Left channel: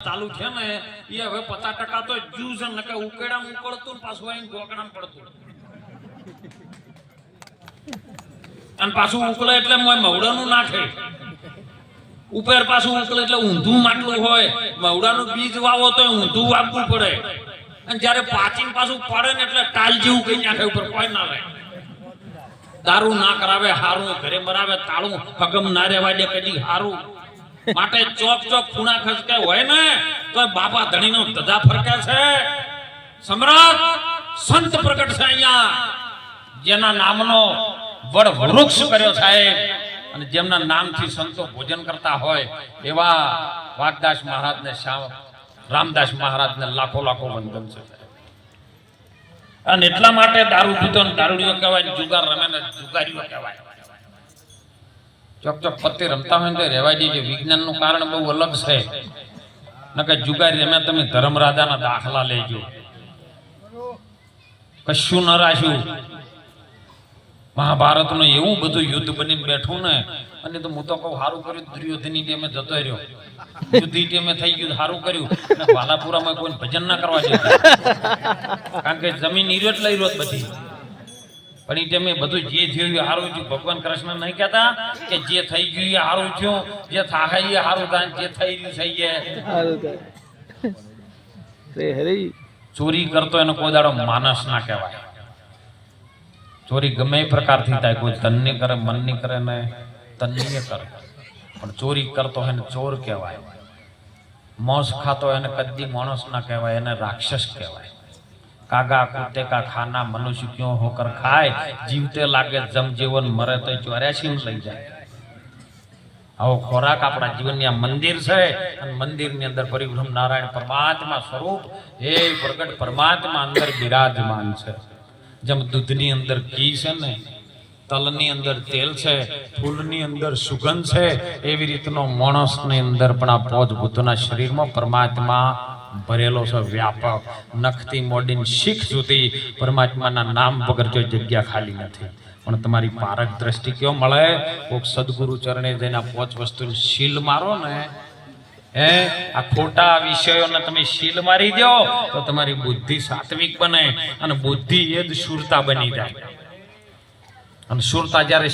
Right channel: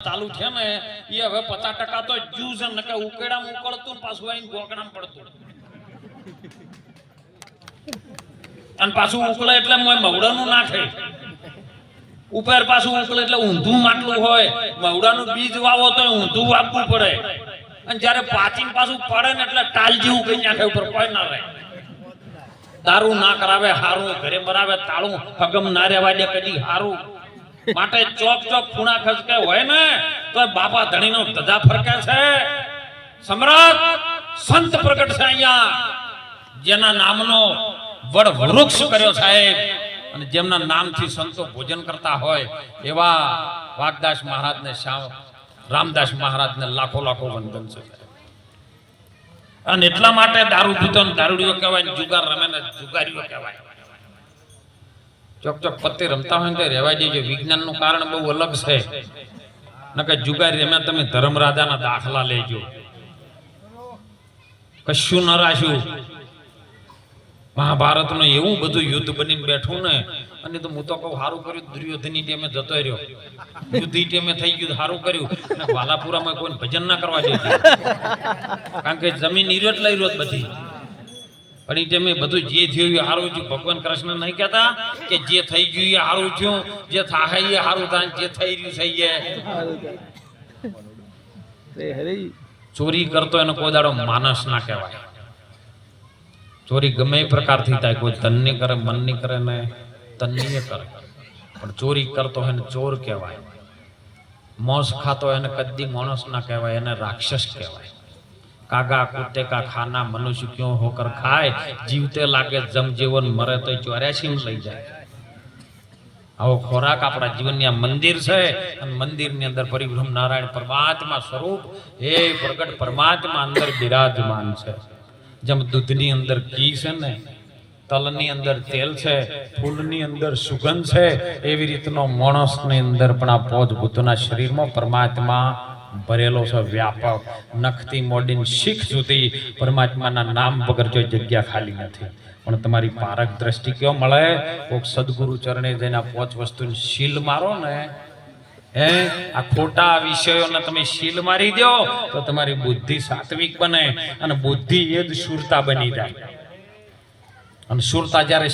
ચાલુ છે ને એ હવે 50% તો જ્યુસ નકે ઉકેડામાં ઉકળતું ને પાછું આઈને ગોકડામાં પડતું અને પાછું ઉકળે એટલે મવડાનું નાખે ઉપર પાછું ઉકળે એટલે ઊંધું માટલું હોય મવડાનું બીજ વાવો તો ઊંધું વાવવું પડે અને જ્યારે પાચીને પાછું પડે ને એટલે ટાલ જેવું કઈ નાખે ઉપર કોઈ ના રહે દારૂ ના કરાવે હારું ઘરે મરાવે તાળું હગમ ના રહેવા દે કદી હારું માટે ચોક ચોક ખૂણા ખસકે હોય ને તો બાપા ધણીનો ધજા ફરકે છે સમ્રાટ સંત પ્રગટ છે અહીંયા જેના નામનો વડ વૃક્ષ કર્યો સાહેબ અને જેમના નામથી સંતો ભોજન કરતા હોય એવા વાગદાસ મહારાજને રામદાસ મહારાજને લાખો લાખો વંદન છે અને એટલા માટે દારૂ પીતો ને દારૂડીઓ કહેવાય જુગાર રમે ને જુગારીઓ કહેવાય ચોક ચોક પત્તે રમતા હોય ને રહેવા દેજો વિજ્ઞાનનું કારણ બહુ અલગ છે નકે જુગારી રમે તમે ધર્મરાજાના દાખલા લેજો કશું ન રાખ્યું મહાભારતનું એવું બધું યુદ્ધ બનીને બેઠું ને અને તો હું તો કહું સારું કર્યું દુર્યોધનની ટેમે જતો રહ્યો યુદ્ધની ટેમે થઈ ગયું સારું કર્યું અને વાલાપુરામાં કોઈ ભજન ના કરવા દે કારણ કે જમીન ઈરોજ લઈ રોજ બધી પણ એ ટેમે બધું જે થયું એ સારું થયું ભગવાન કૃષ્ણ નહીં કહેતા કે જે થઈ ગયું એ સારું થયું જે થાય એ સારું થાય જે થઈ રહ્યું થઈ જાય ચોરી કરતો એનો કોઈ દાડો માનસ ના કહેવાય ચોરી ગમે એ પ્રકારથી થાય કોઈ તનની કરે મનની કરે ને તનની કરે પણ ચોરી કરતો એને ચોર કહેવાય મોસ ખાતો એને કદી માણસ ના કહેવાય એને રાક્ષસ કહેવાય કાગા કુત્તે કા ખાના મનુષ્ય ક્यों હોકર ખાય જીવતે લાગે જમ જીવન મરે તો 84 લઈ જાય આવો ખોરાક આપણા જીવનની આ મંદિર છે અને મંદિરની અંદર પરિબ્રહ્મ નારાયણ પરમાત્મા સ્વરૂપ હે પ્રગટ પરમાત્મા અંદર બિરાજમાન છે જેમ દૂધની અંદર ઘી છે ને તલની અંદર તેલ છે ફૂલની અંદર સુગંધ છે એવી રીતનો માણસની અંદર પણ આ પોજ બુદ્ધના શરીરમાં પરમાત્મા ભરેલો છે વ્યાપક નખથી મોડીને શીખ સુધી પરમાત્માના નામ વગર કોઈ જગ્યા ખાલી નથી પણ તમારી પારક દ્રષ્ટિ કેવો મળે કોઈક સદગુરુ ચરણે જઈને પોચ વસ્તુની શીલ મારો ને આ ખોટા વિષયોને તમે શીલ મારી દો તો તમારી બુદ્ધિ સાત્વિક બને અને બુદ્ધિ એ જ શુરતા બની જાય અને શુરતા જ્યારે